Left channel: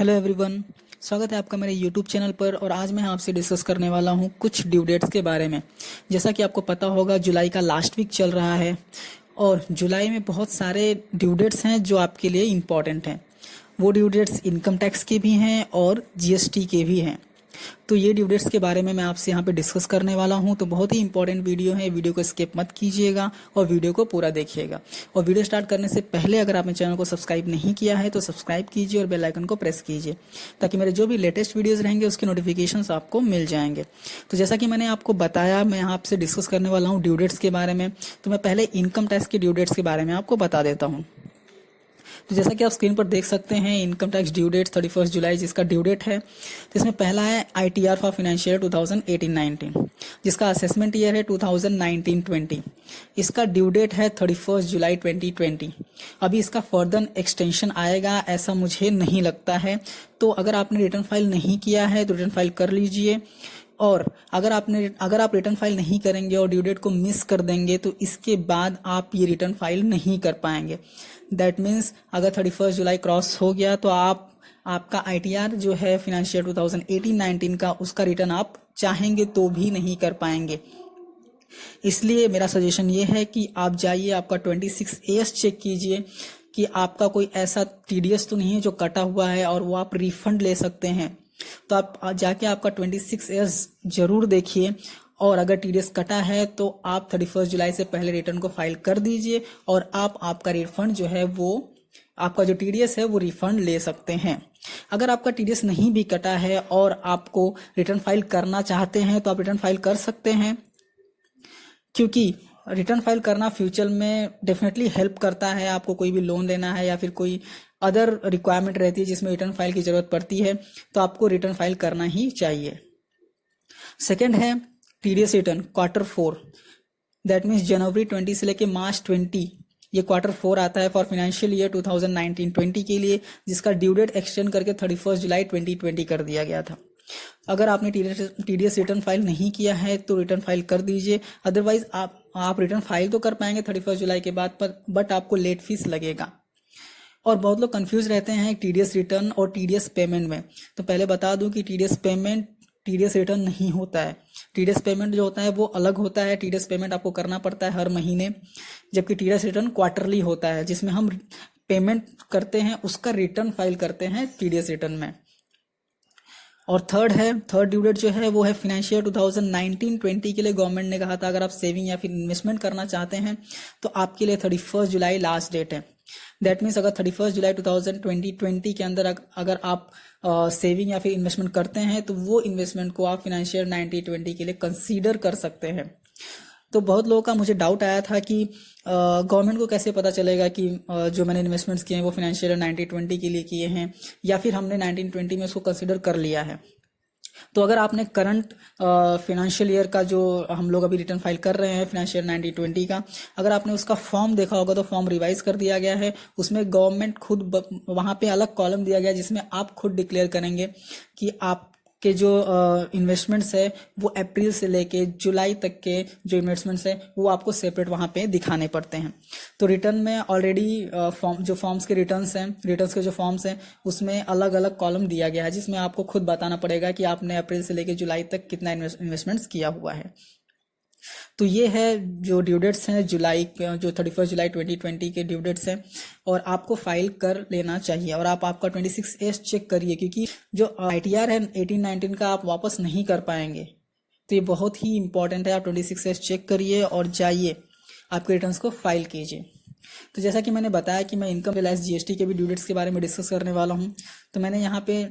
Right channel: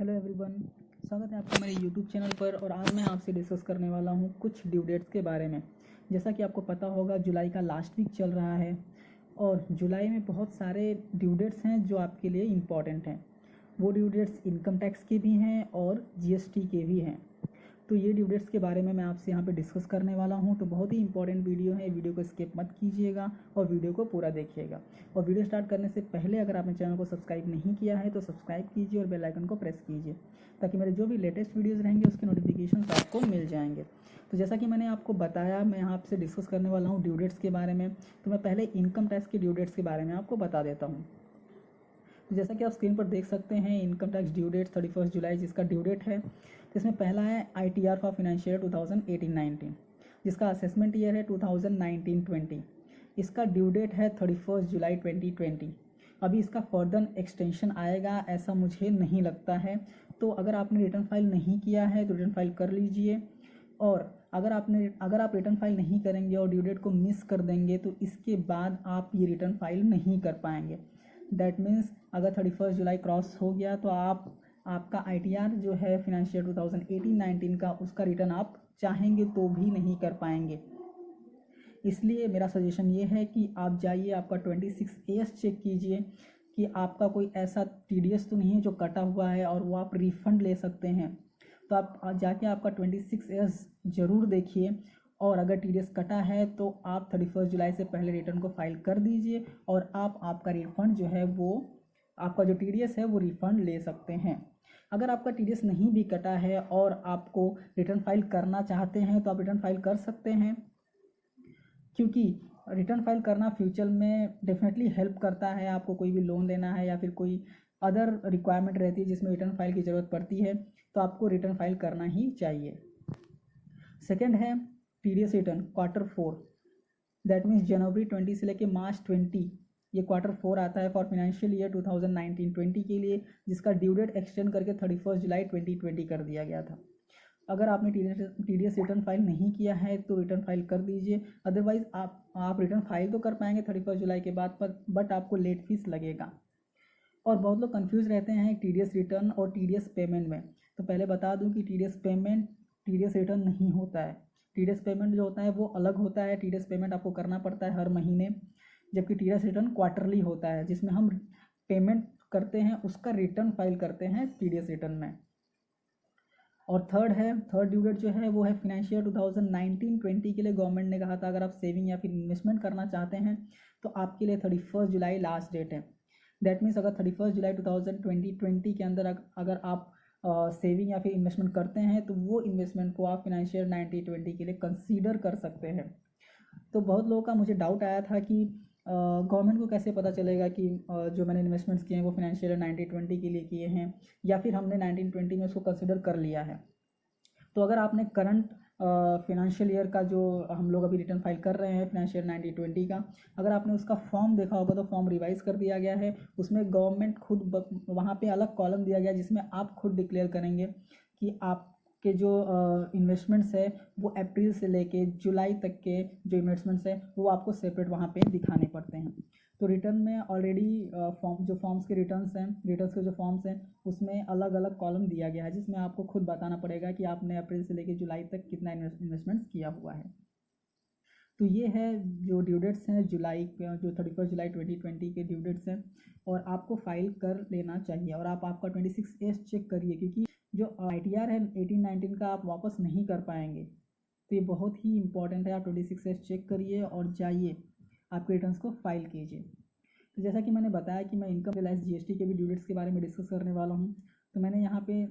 Hello everyone. स्वागत है आपका मेरे यूट्यूब चैनल पर। और आज मैं आपसे डिस्कस करने वाला हूं कुछ ड्यू डेट्स के बारे में। जैसा कि आपको पता होगा, जुलाई का लास्ट वीक चल रहा है और जुलाई में बहुत सारे ड्यू डेट्स हैं जो आपके लिए इम्पॉर्टेंट हैं। वो ड्यू डेट्स इनकम टैक्स के भी हैं और जीएसटी के भी हैं। तो ये ड्यू डेट्स के बारे में मैं आपसे यहाँ पे डिस्कस करने वाला हूँ। तो बहुत ही इंपॉर्टेंट वीडियो है, वीडियो को स्किप मत कीजिएगा और वीडियो को पूरा देखिएगा। और वीडियो स्टार्ट करने से पहले अगर आपने चैनल को सब्सक्राइब नहीं किया है तो सब्सक्राइब कीजिए और बेल आइकन को प्रेस कीजिए, ताकि मेरे जो भी लेटेस्ट वीडियोज़ रहेंगे उसके नोटिफिकेशंस आपको मिल जाएंगे। तो जैसा कि मैंने आपको बताया, मैं यहाँ आपसे डिस्कस करने वाला हूँ ड्यू डेट्स के बारे में। तो मैं पहले इनकम टैक्स के ड्यू डेट्स के बारे में आपको बता देता हूँ। तो जैसा कि आप स्क्रीन पर देख सकते हैं, इनकम टैक्स ड्यू डेट 31 जुलाई जिसका ड्यू डेट है। तो इसमें पहला है आईटीआर फॉर फाइनेंशियल 2018-19, जिसका असेसमेंट ईयर है 2019-20। इसका ड्यू डेट है 31 जुलाई 2020। अभी इसका फर्दर एक्सटेंशन आएगा ऐसा मुझे नहीं लगता है। तो अगर आपने रिटर्न फाइल नहीं किया है तो रिटर्न फाइल कर लीजिए। और अगर आप रिटर्न फाइल नहीं करेंगे और ड्यू डेट को मिस कर देंगे तो इसके बाद आप ये रिटर्न फाइल नहीं कर पाएंगे। दैट मीन्स अगर 31 जुलाई क्रॉस हो गया तो आपका आईटीआर जो है फिनेंशियल 2018-19 का, उसका रिटर्न आप चाहेंगे तो भी नहीं कर पाएंगे। इसलिए मेरा सजेशन ये है कि आप जाइए, आपका 26AS चेक कीजिए कि आपका कोई ऐसा टीडीएस तो नहीं है जो कटा हुआ है और वो आप रिफंड ले सकते हैं। तो आप जाके आपका 26AS जरूर देखिए। और अगर टीडीएस कटा है तो आप 31 जुलाई से पहले रिटर्न को फाइल कर दीजिए और आपका रिफंड जो है वो, आपका जो टीडीएस है वो रिफंड ले सकते हैं। अगर आपका टीडीएस नहीं भी कटा है और आपको रिटर्न फाइल करना चाहते हैं तो आप रिटर्न फाइल कर सकते हैं, क्योंकि रिटर्न फाइल करना फ्यूचर में डेफिनेटली हेल्प करता है। आपको कोई भी लोन लेना है या फिर कोई अदर रिक्वायरमेंट रहती है जिसमें रिटर्न फाइल की ज़रूरत पड़ती है, तो आपको रिटर्न फाइल करना ही चाहिए। सेकेंड है TDS return Q4, that means जनवरी 20 से लेके मार्च 20, ये Q4 आता है फॉर फाइनेंशियल ईयर 2019-20 के लिए, जिसका ड्यू डेट एक्सटेंड करके 31 जुलाई 2020 कर दिया गया था। अगर आपने टीडीएस रिटर्न फाइल नहीं किया है तो रिटर्न फाइल कर दीजिए। अदरवाइज आप रिटर्न फाइल तो कर पाएंगे 31 जुलाई के बाद पर, बट आपको लेट फीस लगेगा। और बहुत लोग कंफ्यूज रहते हैं टीडीएस रिटर्न और टीडीएस पेमेंट में। तो पहले बता दूं कि टीडीएस पेमेंट टीडीएस रिटर्न नहीं होता है। टीडीएस पेमेंट जो होता है वो अलग होता है। टीडीएस पेमेंट आपको करना पड़ता है हर महीने, जबकि टीडीएस रिटर्न क्वार्टरली होता है, जिसमें हम पेमेंट करते हैं उसका रिटर्न फाइल करते हैं टीडीएस रिटर्न में। और थर्ड ड्यू डेट जो है वो है फिनेंशियल 2019-20 के लिए। गवर्नमेंट ने कहा था अगर आप सेविंग या फिर इन्वेस्टमेंट करना चाहते हैं तो आपके लिए 31 जुलाई लास्ट डेट है। दैट मीन्स अगर 31 जुलाई 2020 के अंदर अगर आप सेविंग या फिर इन्वेस्टमेंट करते हैं तो वो इन्वेस्टमेंट को आप फिनेंशियल 19-20 के लिए कंसीडर कर सकते हैं। तो बहुत लोगों का मुझे डाउट आया था कि गवर्नमेंट को कैसे पता चलेगा कि जो मैंने इन्वेस्टमेंट्स किए हैं वो फिनेंशियल 19-20 के लिए किए हैं या फिर हमने 19-20 में उसको कंसिडर कर लिया है। तो अगर आपने करंट फिनेंशियल ईयर का, जो हम लोग अभी रिटर्न फाइल कर रहे हैं फिनेंशियल 19-20 का, अगर आपने उसका फॉर्म देखा होगा तो फॉर्म रिवाइज कर दिया गया है। उसमें गवर्नमेंट खुद वहाँ पे अलग कॉलम दिया गया है जिसमें आप खुद डिक्लेयर करेंगे कि आप के जो इन्वेस्टमेंट्स है वो अप्रैल से लेके जुलाई तक के जो इन्वेस्टमेंट्स है वो आपको सेपरेट वहाँ पे दिखाने पड़ते हैं। तो रिटर्न में ऑलरेडी फॉर्म्स के रिटर्न्स के जो फॉर्म्स हैं उसमें अलग अलग कॉलम दिया गया है, जिसमें आपको खुद बताना पड़ेगा कि आपने अप्रैल से लेके जुलाई तक कितना इन्वेस्टमेंट्स किया हुआ है। तो ये है जो ड्यू डेट्स हैं जुलाई, जो 31 जुलाई 2020 के ड्यू डेट्स हैं, और आपको फाइल कर लेना चाहिए। और आप आपका 26AS चेक करिए, क्योंकि जो आईटीआर है 18-19 का आप वापस नहीं कर पाएंगे। तो ये बहुत ही इंपॉर्टेंट है। आप 26AS चेक करिए और जाइए आपके रिटर्न्स को फाइल कीजिए। तो जैसा कि मैंने बताया कि मैं इनकम रिलायंस जीएसटी के भी ड्यू डेट्स के बारे में डिस्कस करने वाला हूँ। तो मैंने यहाँ पे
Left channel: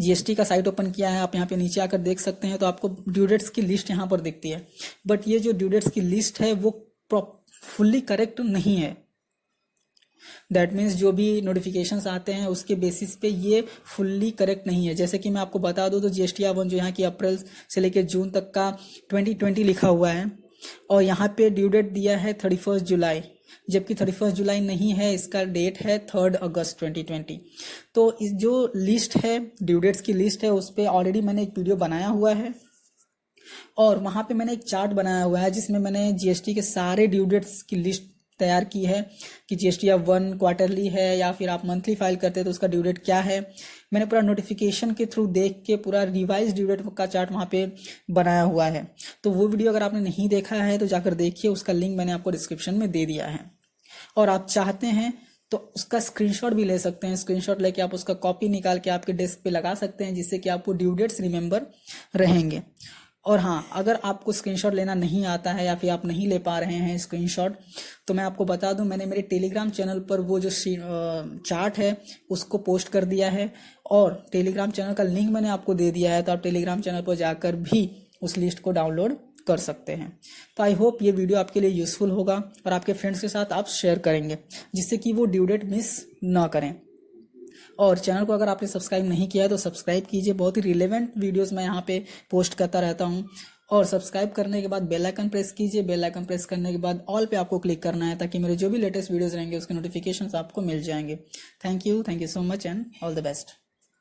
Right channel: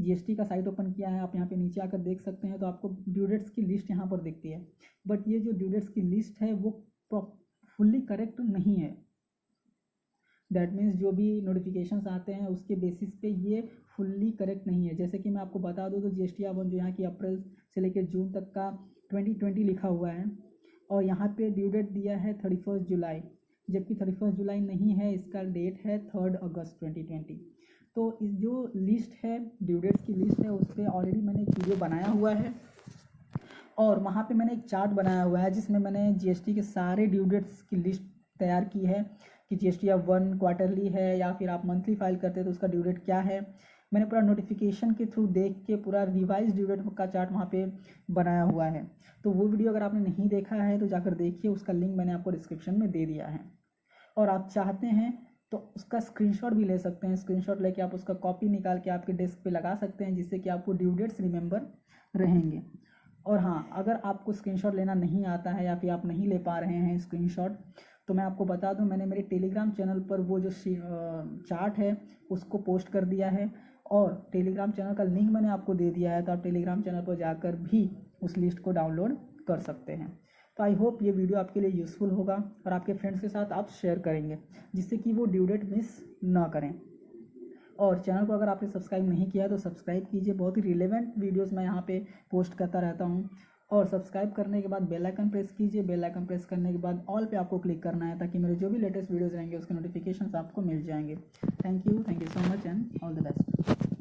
जीएसटी का साइट ओपन किया है, आप यहाँ पे नीचे आकर देख सकते हैं। तो आपको ड्यू डेट्स की लिस्ट यहाँ पर दिखती है, बट ये जो ड्यू डेट्स की लिस्ट है वो फुल्ली करेक्ट नहीं है। दैट मीन्स जो भी नोटिफिकेशंस आते हैं उसके बेसिस पे ये फुल्ली करेक्ट नहीं है। जैसे कि मैं आपको बता दूं तो जीएसटी-1 जो यहाँ की अप्रैल से लेकर जून तक का 2020 लिखा हुआ है, और यहाँ पे ड्यू डेट दिया है 31 जुलाई, जबकि 31 जुलाई नहीं है, इसका डेट है 3 अगस्त 2020। तो इस जो लिस्ट है, ड्यू डेट्स की लिस्ट है, उस पर ऑलरेडी मैंने एक वीडियो बनाया हुआ है और वहाँ पे मैंने एक चार्ट बनाया हुआ है जिसमें मैंने जीएसटी के सारे ड्यू डेट्स की लिस्ट तैयार की है कि जीएसटी आप 1 क्वार्टरली है या फिर आप मंथली फाइल करते हैं तो उसका ड्यू डेट क्या है। मैंने पूरा नोटिफिकेशन के थ्रू देख के पूरा रिवाइज ड्यू डेट का चार्ट वहाँ पे बनाया हुआ है। तो वो वीडियो अगर आपने नहीं देखा है तो जाकर देखिए, उसका लिंक मैंने आपको डिस्क्रिप्शन में दे दिया है। और आप चाहते हैं तो उसका स्क्रीनशॉट भी ले सकते हैं। स्क्रीनशॉट लेके आप उसका कॉपी निकाल के आपके डेस्क पे लगा सकते हैं, जिससे कि आपको ड्यू डेट्स रिमेंबर रहेंगे। और हाँ, अगर आपको स्क्रीनशॉट लेना नहीं आता है या फिर आप नहीं ले पा रहे हैं स्क्रीनशॉट, तो मैं आपको बता दूं, मैंने मेरे टेलीग्राम चैनल पर वो जो चार्ट है उसको पोस्ट कर दिया है और टेलीग्राम चैनल का लिंक मैंने आपको दे दिया है। तो आप टेलीग्राम चैनल पर जाकर भी उस लिस्ट को डाउनलोड कर सकते हैं। तो आई होप ये वीडियो आपके लिए यूज़फुल होगा और आपके फ्रेंड्स के साथ आप शेयर करेंगे, जिससे कि वो ड्यू डेट मिस ना करें। और चैनल को अगर आपने सब्सक्राइब नहीं किया है तो सब्सक्राइब कीजिए, बहुत ही रिलेवेंट वीडियोस मैं यहाँ पे पोस्ट करता रहता हूँ। और सब्सक्राइब करने के बाद बेल आइकन प्रेस कीजिए। बेल आइकन प्रेस करने के बाद ऑल पे आपको क्लिक करना है, ताकि मेरे जो भी लेटेस्ट वीडियोस रहेंगे उसके नोटिफिकेशंस आपको मिल जाएंगे। Thank you so much and all the best.